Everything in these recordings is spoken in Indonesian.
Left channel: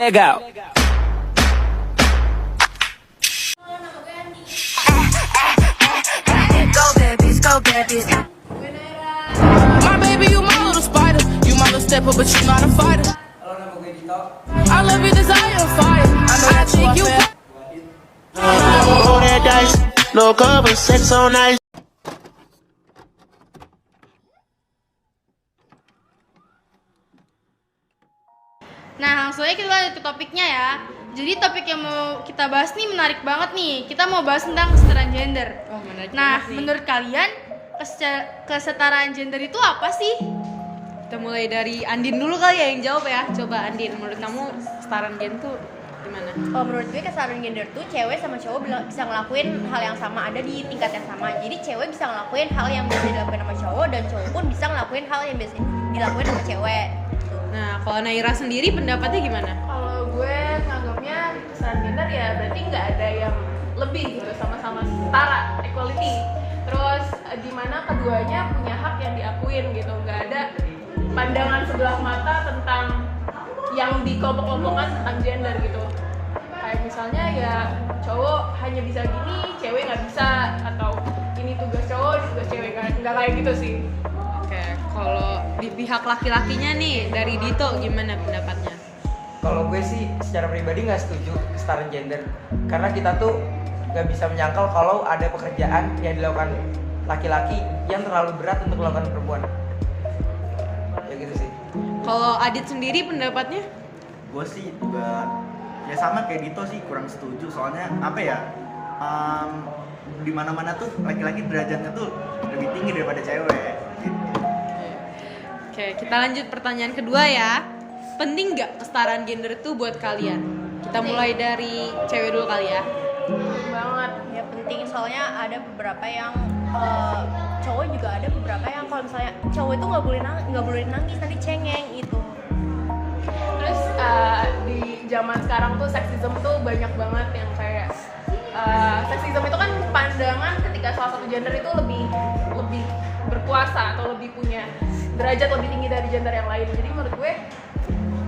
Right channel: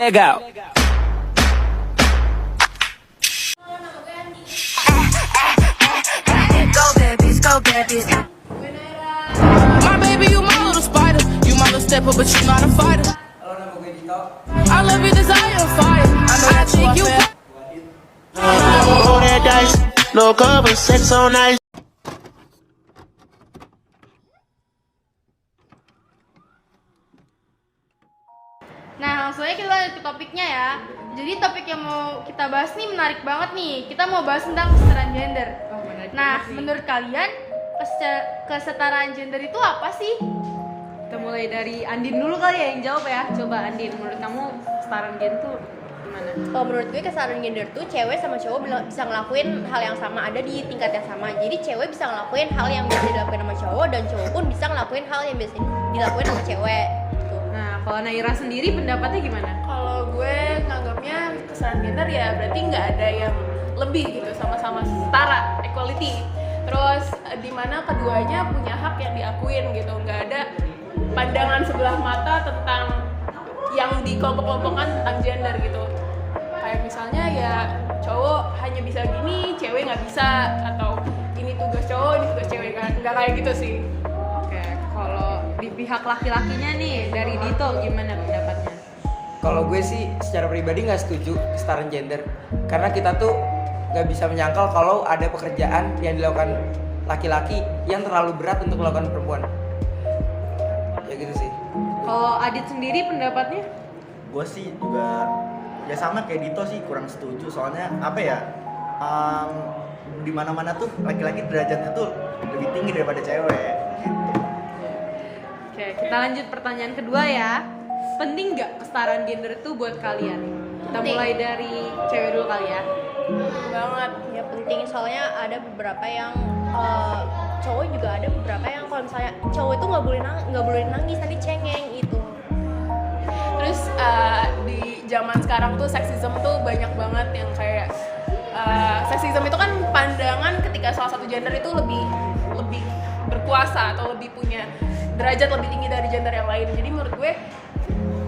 Let go. Go babies. My baby, you my little spider. You my little stepper, but you not a fighter. Halo, nama gue Dito. I love you, desire, fire. I know that think you. Roll that dice, no cover, sex on ice. Nah, langsung aja kita lanjut ke topiknya ya. Jadi topik yang mau kita bahas nih menarik banget nih. Kita mau bahas tentang kesetaraan gender. Nah, menurut kalian kesetaraan gender itu apa sih? Kita mulai dari Andin dulu kali ya yang jawab ya. Coba Andin, menurut kamu kesetaraan gender tuh gimana? Oh, menurut gue kesetaraan gender tuh cewek sama cowok bisa ngelakuin hal yang sama, ada di tingkat yang sama. Jadi cewek bisa ngelakuin hal yang biasa dilakuin sama cowok, dan cowok pun bisa ngelakuin hal yang biasa dilakuin sama cewek. Nah, kalau Naira sendiri pendapatnya gimana? Kalau gue nganggapnya kesetaraan gender ya berarti nggak ada yang lebih gitu, sama-sama setara, equality. Terus dimana keduanya punya hak yang diakuin gitu, nggak ada pandangan sebelah mata tentang yang dikelompok-kelompokkan tentang gender gitu. Kayak misalnya ya cowok hanya bisa gini, cewek nggak bisa, atau ini tugas cowok, ini tugas cewek, kan nggak kayak gitu sih. Oke, kalau di pihak laki-lakinya nih dari Dito gimana pendapatnya? Kalau gue sih secara pribadi nggak setuju kesetaraan gender, karena kita tuh nggak bisa menyangkal kalau ada pekerjaan yang dilakukan laki-laki yang terlalu berat untuk dilakukan perempuan. Ya gitu sih. Kalau Adit sendiri pendapatnya? Gue sih juga ya sama kayak Dito sih, kurang setuju. Soalnya apa ya, di mana-mana tuh laki-laki derajatnya tuh lebih tinggi daripada cewek gitu. Oke, kita lanjut pertanyaan kedua ya. Penting nggak kesetaraan gender itu buat kalian? Kita mulai dari cewek dulu kali ya. Banget. Ya penting, soalnya ada beberapa yang cowok juga ada beberapa yang kalau misalnya cowok itu nggak boleh nangis, nanti cengeng itu. Terus di zaman sekarang tuh seksisme tuh banyak banget yang kayak seksisme itu kan pandangan ketika salah satu gender itu lebih berkuasa atau lebih punya derajat lebih tinggi dari gender yang lain. Jadi menurut gue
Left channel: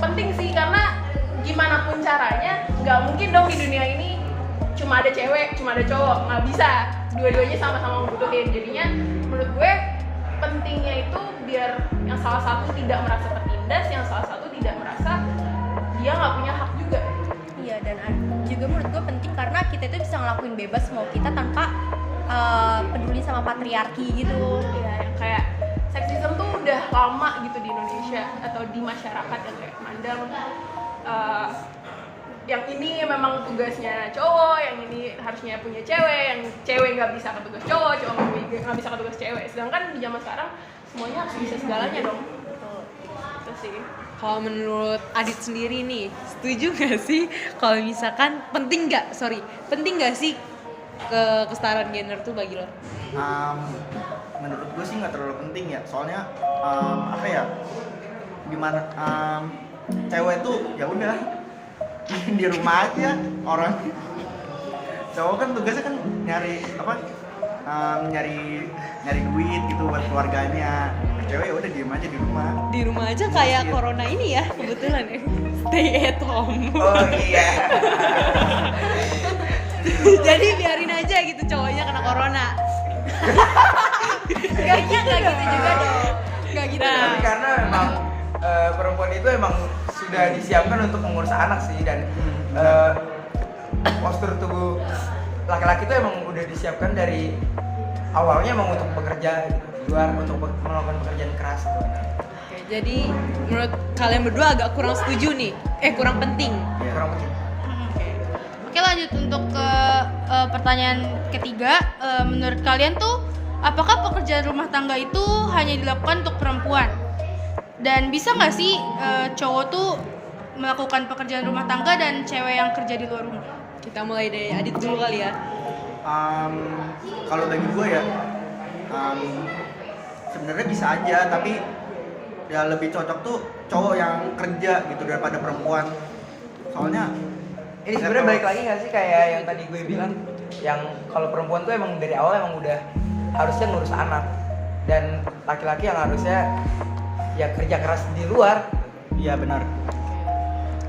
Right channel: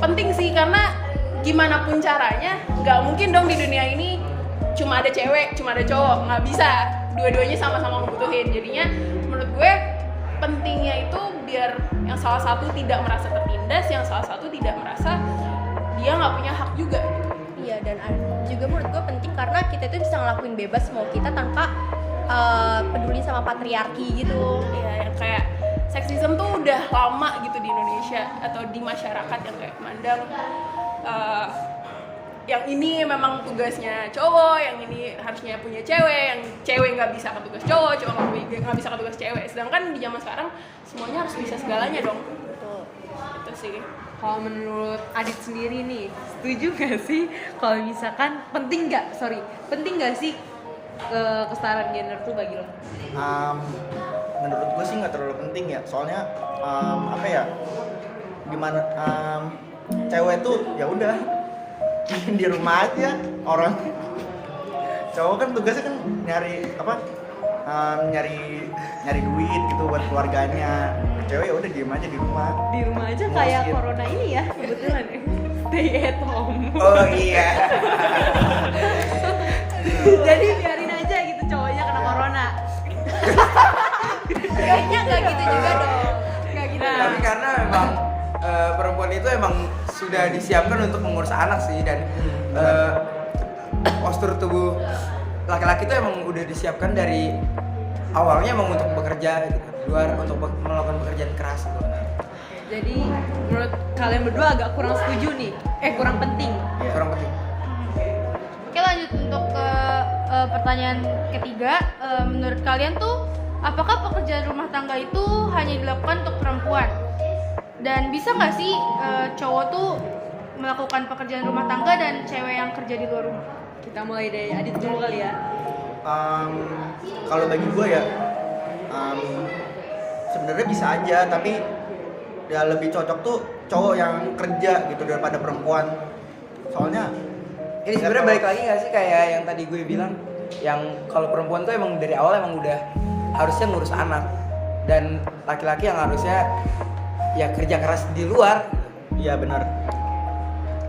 penting sih, karena gimana pun caranya nggak mungkin dong di dunia ini cuma ada cewek, cuma ada cowok, nggak bisa. Dua-duanya sama-sama membutuhin. Jadinya menurut gue pentingnya itu biar yang salah satu tidak merasa tertindas, yang salah satu tidak merasa dia nggak punya hak juga. Iya, dan juga menurut gue penting karena kita itu bisa ngelakuin bebas mau kita tanpa peduli sama patriarki gitu. Ya, yang kayak seksisme tuh udah lama gitu di Indonesia atau di masyarakat yang kayak mandang yang ini memang tugasnya cowok, yang ini harusnya punya cewek, yang cewek nggak bisa ke tugas cowok, cowok nggak bisa ke tugas cewek. Sedangkan di zaman sekarang semuanya harus bisa segalanya dong. Itu sih. Kalau menurut Adit sendiri nih, setuju nggak sih kalau misalkan penting nggak sih kesetaraan gender tuh bagi lo? Menurut gue sih nggak terlalu penting ya, soalnya apa ya, gimana cewek tuh ya udah di rumah aja, orang cowok kan tugasnya kan nyari duit gitu buat keluarganya. Cewek ya udah diem aja di rumah. Di rumah aja kayak corona ini ya, kebetulan ya. Stay at home. Oh iya. Jadi biarin aja gitu cowoknya kena corona. Kayaknya nggak gitu juga dong. Nggak gitu. Tapi karena memang perempuan itu emang sudah disiapkan untuk mengurus anak sih, dan postur tubuh laki-laki itu emang udah disiapkan dari awalnya emang untuk bekerja gitu, di luar untuk melakukan pekerjaan keras gitu. Oke, jadi menurut kalian berdua agak kurang setuju nih, kurang penting. Iya. Kurang penting. Oke, lanjut untuk ke pertanyaan ketiga. Menurut kalian tuh apakah pekerjaan rumah tangga itu hanya dilakukan untuk perempuan? Dan bisa nggak sih cowok tuh melakukan pekerjaan rumah tangga dan cewek yang kerja di luar rumah? Kita mulai dari Adit dulu kali ya. Kalau bagi gue ya, sebenarnya bisa aja, tapi ya lebih cocok tuh cowok yang kerja gitu daripada perempuan. Soalnya ini sebenarnya balik lagi nggak sih kayak yang tadi gue bilang, yang kalau perempuan tuh emang dari awal emang udah harusnya ngurus anak, dan laki-laki yang harusnya ya kerja keras di luar. Iya benar.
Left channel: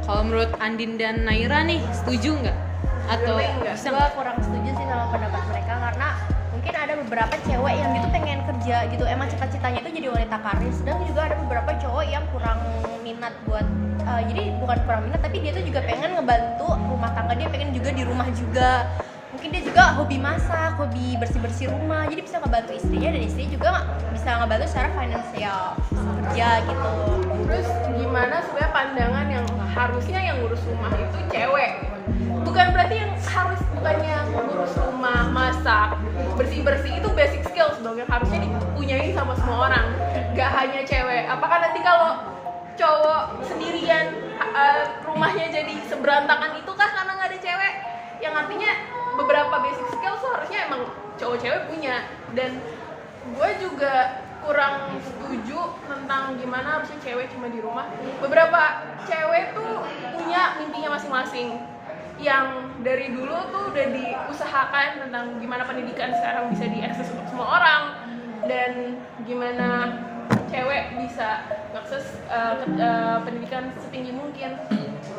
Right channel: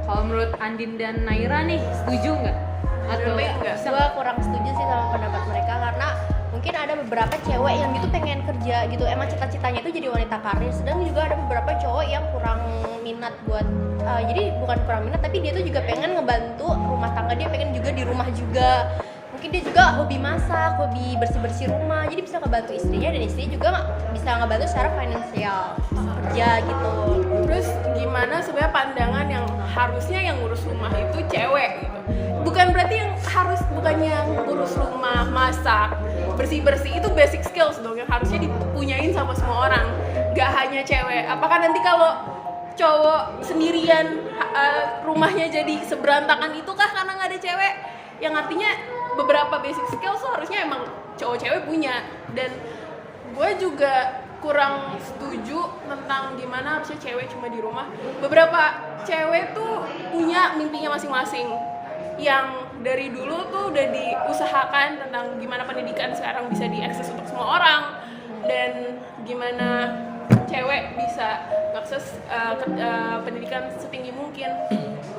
Kalau menurut Andin dan Naira nih, setuju nggak? Atau Enggak. bisa Gue nggak? kurang setuju sih sama pendapat mereka karena mungkin ada beberapa cewek yang itu pengen kerja gitu, emang cita-citanya itu jadi wanita karir, dan juga ada beberapa cowok yang kurang minat buat jadi bukan kurang minat tapi dia tuh juga pengen ngebantu rumah tangga, dia pengen juga di rumah juga, mungkin dia juga hobi masak, hobi bersih-bersih rumah, jadi bisa ngebantu istrinya dan istrinya juga bisa ngebantu secara finansial kerja gitu. Terus gimana sebenarnya pandangan yang harusnya yang ngurus rumah itu cewek gitu. Bukan berarti yang harus bukannya ngurus rumah, masak, bersih-bersih itu basic skills dong yang harusnya dipunyain sama semua orang. Gak hanya cewek. Apakah nanti kalau cowok sendirian rumahnya jadi seberantakan itu kah karena nggak ada cewek? Yang artinya beberapa basic skills tuh harusnya emang cowok-cewek punya. Dan gue juga kurang setuju tentang gimana harusnya cewek cuma di rumah. Beberapa cewek tuh punya mimpinya masing-masing yang dari dulu tuh udah diusahakan tentang gimana pendidikan sekarang bisa diakses untuk semua orang dan gimana cewek bisa akses pendidikan setinggi mungkin.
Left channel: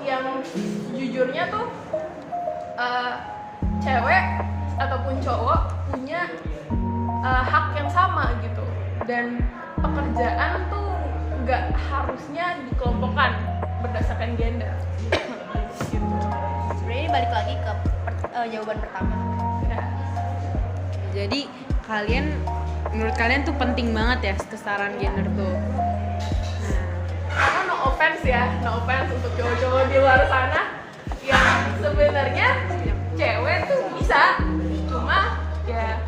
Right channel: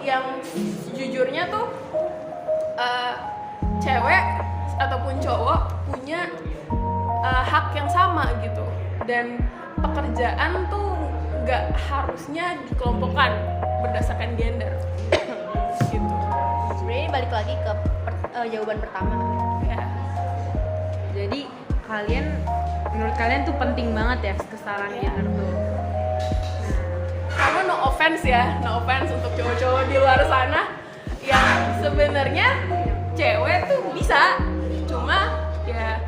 Yang jujurnya tuh cewek ataupun cowok punya hak yang sama gitu, dan pekerjaan tuh nggak harusnya dikelompokkan berdasarkan gender gitu. Sebenarnya balik lagi ke jawaban pertama. Ya. Jadi menurut kalian tuh penting banget ya kesetaraan gender tuh. Karena no offense untuk cowok-cowok di luar sana yang sebenarnya cewek tuh bisa, cuma ya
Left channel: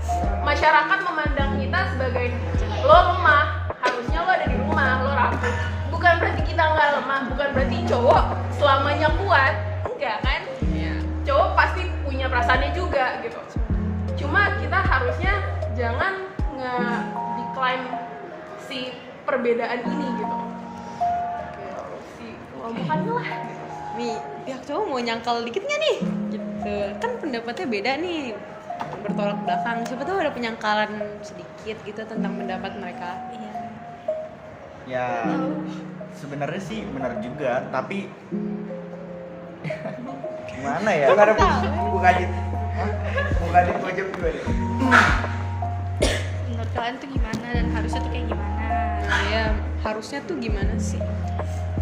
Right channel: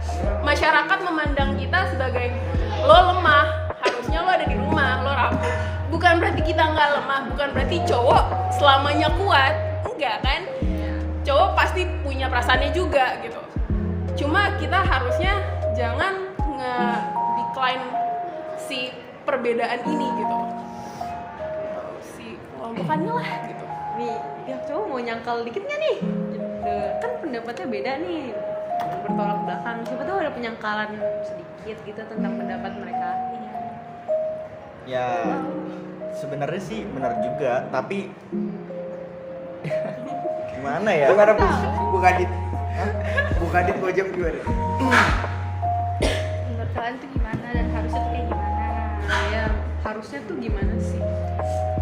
masyarakat memandang kita sebagai lo lemah, harusnya lo ada di rumah, lo rapuh. Bukan berarti kita nggak lemah, bukan berarti cowok selamanya kuat, enggak kan? Cowok pasti punya perasaannya juga gitu. Cuma kita harusnya jangan nge-decline si perbedaan ini gitu. Bukannya lah gitu. Nih, pihak cowok mau nyangkal dikit nggak nih? Gitu. Kan pendapatnya beda nih, bertolak belakang. Siapa tahu ada penyangkalan sedikit gitu tentang pendapat mereka. Ya sebenarnya sih benar juga, tapi gimana ya? Gimana bukan dit? Bukan dit gue jawab dulu deh. Menurut kalian tuh gimana dan harusnya tuh kayak gimana? Nah, ya harusnya tuh gimana sih?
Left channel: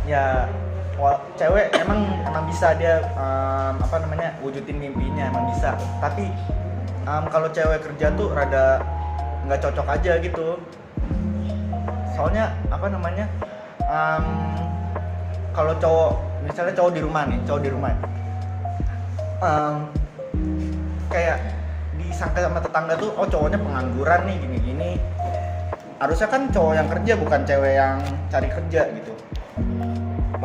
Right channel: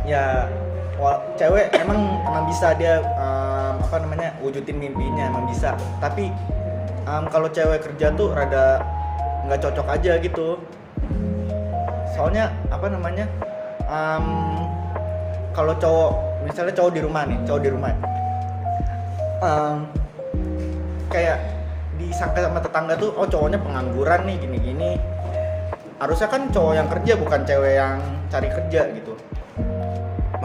Ya cewek emang bisa dia wujudin mimpinya, emang bisa, tapi kalau cewek kerja tuh rada nggak cocok aja gitu. Soalnya kalau cowok, misalnya cowok di rumah kayak disangka sama tetangga tuh, oh cowoknya pengangguran nih gini-gini. Harusnya kan cowok yang kerja, bukan cewek yang cari kerja gitu.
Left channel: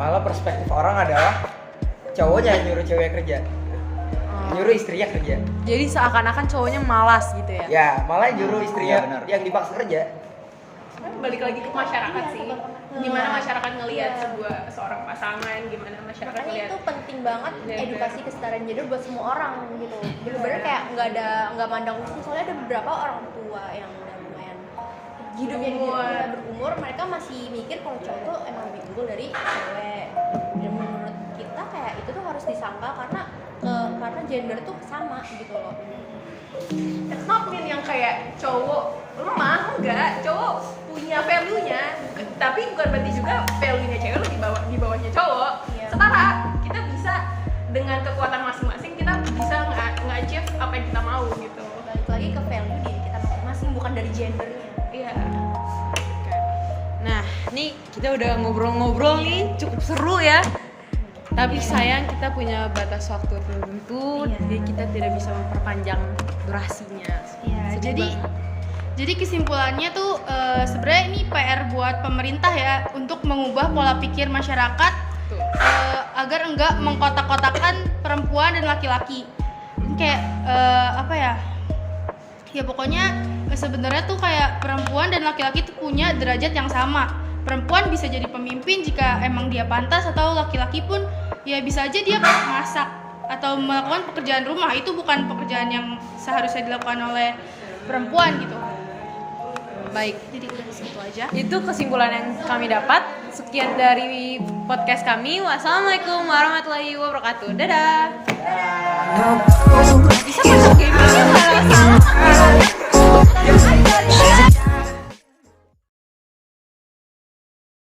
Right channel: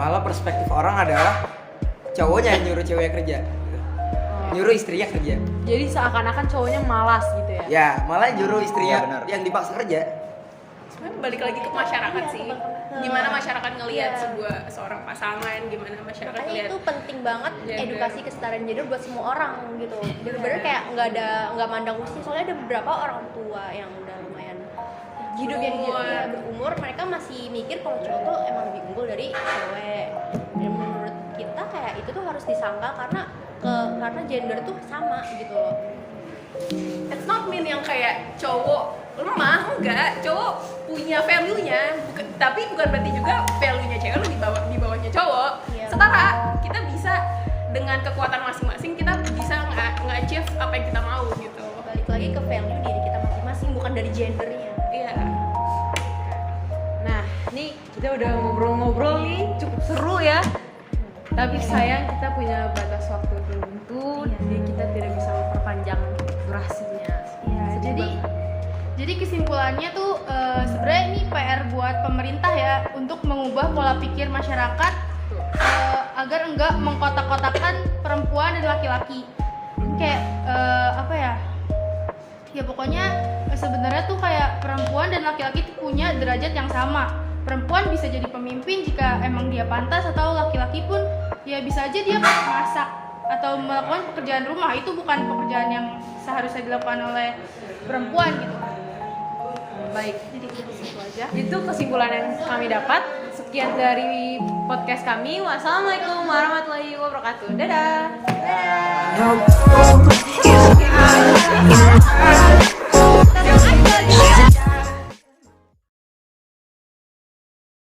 Malah perspektif orang adalah cowoknya yang nyuruh cewek kerja, nyuruh istrinya kerja. Jadi seakan-akan cowoknya malas gitu ya? Ya, malah nyuruh istrinya Iya, benar. yang dipaksa kerja. Sebenarnya balik lagi ke masyarakat sih. Gimana masyarakat ngelihat seorang pasangan, gimana masyarakat Makanya ngelihat itu penting banget gender. edukasi kesetaraan gender buat semua orang gitu. Bener-bener kayak nggak mandang usia. Soalnya ada beberapa orang tua yang udah lumayan hidupnya berumur, mereka masih mikir kalau cowok tuh emang lebih unggul dari cewek. Dan menurut kita kayak itu tuh harus disangka karena gender tuh sama gitu loh. It's not mean yang kayak cowok lemah, enggak. Cowok punya value-nya, tapi bukan berarti juga value-nya cewek lebih di bawahnya cowok. Iya. Setara, kita bisa dengan kekuatan masing-masing kita bisa nge-achieve apa yang kita mau gitu. Balik lagi ke value diri kita masing-masing, bukan dari gendernya. Iya. Nah, nih kita udah ngobrol-ngobrol nih, cukup seru ya. Tapi sayang kita punya batas waktu tertentu, jadi kita tidak bisa memperpanjang durasinya. Iya, jadi kesimpulannya tuh sebenarnya ini PR buat pemerintah ya untuk mengubah pola pikir masyarakat agar enggak mengkotak-kotakan perempuan dan laki-laki. Kayak apa ya? Ya pokoknya sebenarnya tuh kayak perempuan dan laki-laki tuh punya derajat yang sama. Perempuan bisa jadi pemimpin jika emang dia pantas, atau laki-laki pun ya bisa aja dia masak atau melakukan pekerjaan rumah. Itu bukan pekerjaan yang seharusnya dilakukan oleh perempuan gitu. Baik, jadi itu aja. Itu kesimpulan yang kami dapat. Sekian dari podcast kami. Wassalamualaikum warahmatullahi wabarakatuh. Dadah. No